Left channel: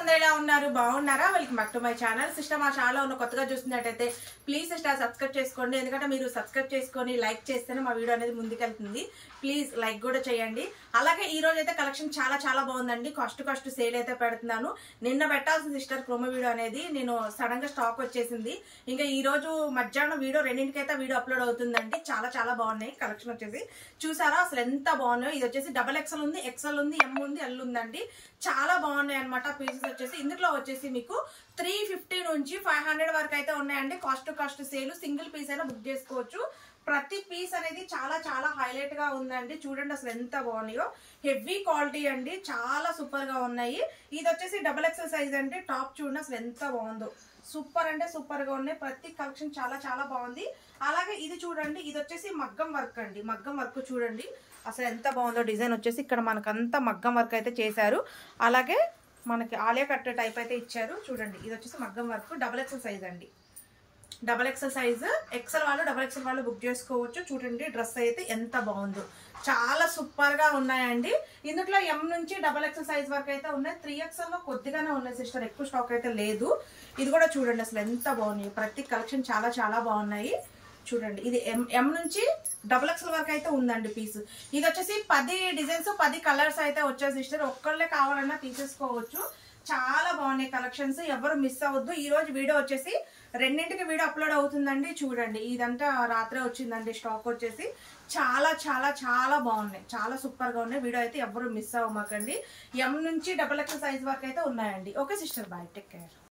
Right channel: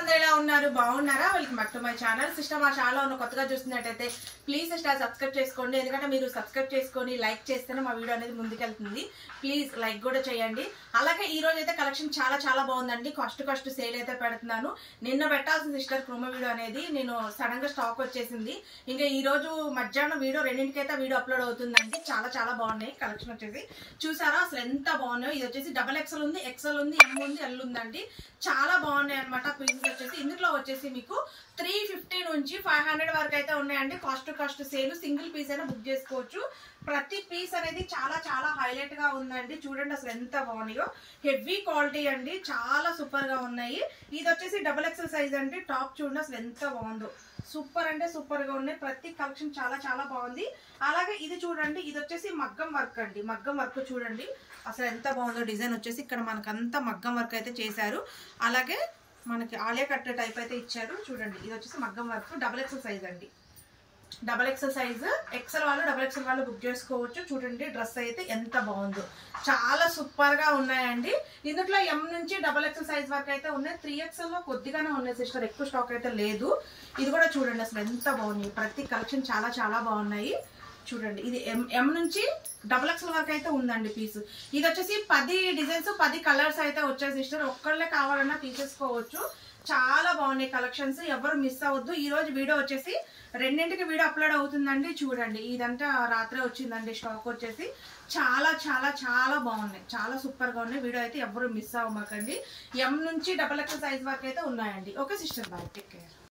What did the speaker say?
అందరూ ఎలా ఉన్నారు? బాగున్నారా? Welcome back to my channel. Sister మా ఛానల్ ఉన్న కొత్తగా చూస్తున్నట్టయితే ప్లీజ్ సిస్టర్ సబ్స్క్రైబ్ చేసుకోండి. ఎందుకంటే మీరు సబ్స్క్రైబ్ చేసుకొని లైక్ చేస్తేనే మా వీడియో అనేది ముందుకెళ్తుంది. ప్లీజ్ లైక్ కూడా చేయండి. అలాగే ఈ రోజు అయితే కలెక్షన్ చాలా బాగుందండి. కాస్ట్ సేల్ అయితే పెడుతున్నాను. నిన్న పెట్టాల్సిన సిస్టర్ ప్రోమో వీడియో అనేది నేను సడన్ గా స్టాక్ వచ్చేసింది. ఇంకా ఈ రోజు మధ్యాహ్నం వీడియో రెండింటికైతే వీడియో అప్లోడ్ అవుతుందండి. చాలా బాగున్నాయి కలెక్షన్ వచ్చేసి. చూసారా అసలు ఎంత బాగున్నాయో. ఇది వచ్చేసి XXL ఉంది, XL ఉంది, M ఉంది, L ఉందండి. చాలా బాగున్నాయి అనమాట పీసెస్ వచ్చేసి. ఇందులో వచ్చేసి మీకు 350 నుంచి 500 వరకు అయితే ఉన్నాయండి. Cost sale. సింగిల్ పీస్ అయినా బుక్ చేసుకోవచ్చు. ప్రతి పీస్ అనేది చాలా హైలైట్ గా ఉందండి. చూడండి అసలు ఎంత బాగున్నాయో. హెవీ క్వాలిటీ అండి. చాలా సూపర్ గా ఉన్నాయి. ఇది వచ్చేసి XXL సైజ్ అండి. టాప్ చూడండి అసలు ఎంత బాగుందో. సూపర్ అంటే సూపర్ గా ఉన్నాయి. ప్రతి కలెక్షన్ చాలా బాగుంది. అలాగే ఇది చూడండి. ఇది వచ్చేసి మగ్గం వర్క్ అండి. మగ్గం వర్క్ చూడండి అసలు ఎంత బాగుందో. డిజైన్ వచ్చేసి ఇక్కడ మనకంతా మగ్గం వర్క్ అయితే చేశారు. అలాగే మనకి ఆలే కట్టే టైప్ అయితే ఇచ్చారు. చూడండి ఇది వచ్చేసి మగ్గం వర్క్. XXL సైజ్ అండి. XXL size. XL వాళ్ళు XXL వాళ్ళు బుక్ చేసుకోవచ్చు. చూడండి డ్రెస్ అయితే ఎంత బాగుందో. చాలా సూపర్ గా ఉన్నాయండి. ఇందులో M నుంచి XXL సైజ్ వరకు అయితే ఉన్నాయి. 3XL లో కొద్దిగానే ఉన్నాయి సిస్టర్, ఎక్కువ స్టాక్ అయితే లేదు. ఇది కూడా చూడండి అసలు ఎంత బాగున్నాయి. ప్రతి కలెక్షన్ చాలా బాగున్నాయి. చూడండి ఇది M నుంచి XXL వరకు అయితే ఉందండి పీస్. ఇది వచ్చేసి 10 డిజైన్స్ 10 కలర్స్ అయితే వచ్చాయి సిస్టర్. ఒక్కళ్ళే కావాలన్నా తీసేసుకోవచ్చు. చాలా బాగున్నాయి కలెక్షన్స్. ఎవరు మిస్ అవ్వద్దు. ఈ రోజు వీడియో వచ్చేసి రెండింటికి వీడియో అప్లోడ్ అవుతుందండి. చూడండి ఇదంతా రాత్రే వచ్చిందండి స్టాక్ వచ్చేసి. చాలా బాగున్నాయి. చాలా సూపర్ గా ఉన్నాయి. వీడియో అయితే ఎవరు మిస్ అవ్వమాకండి. M నుంచి XXL సైజ్ వరకు అయితే ఉన్నాయండి. Okay sister, bye, take care.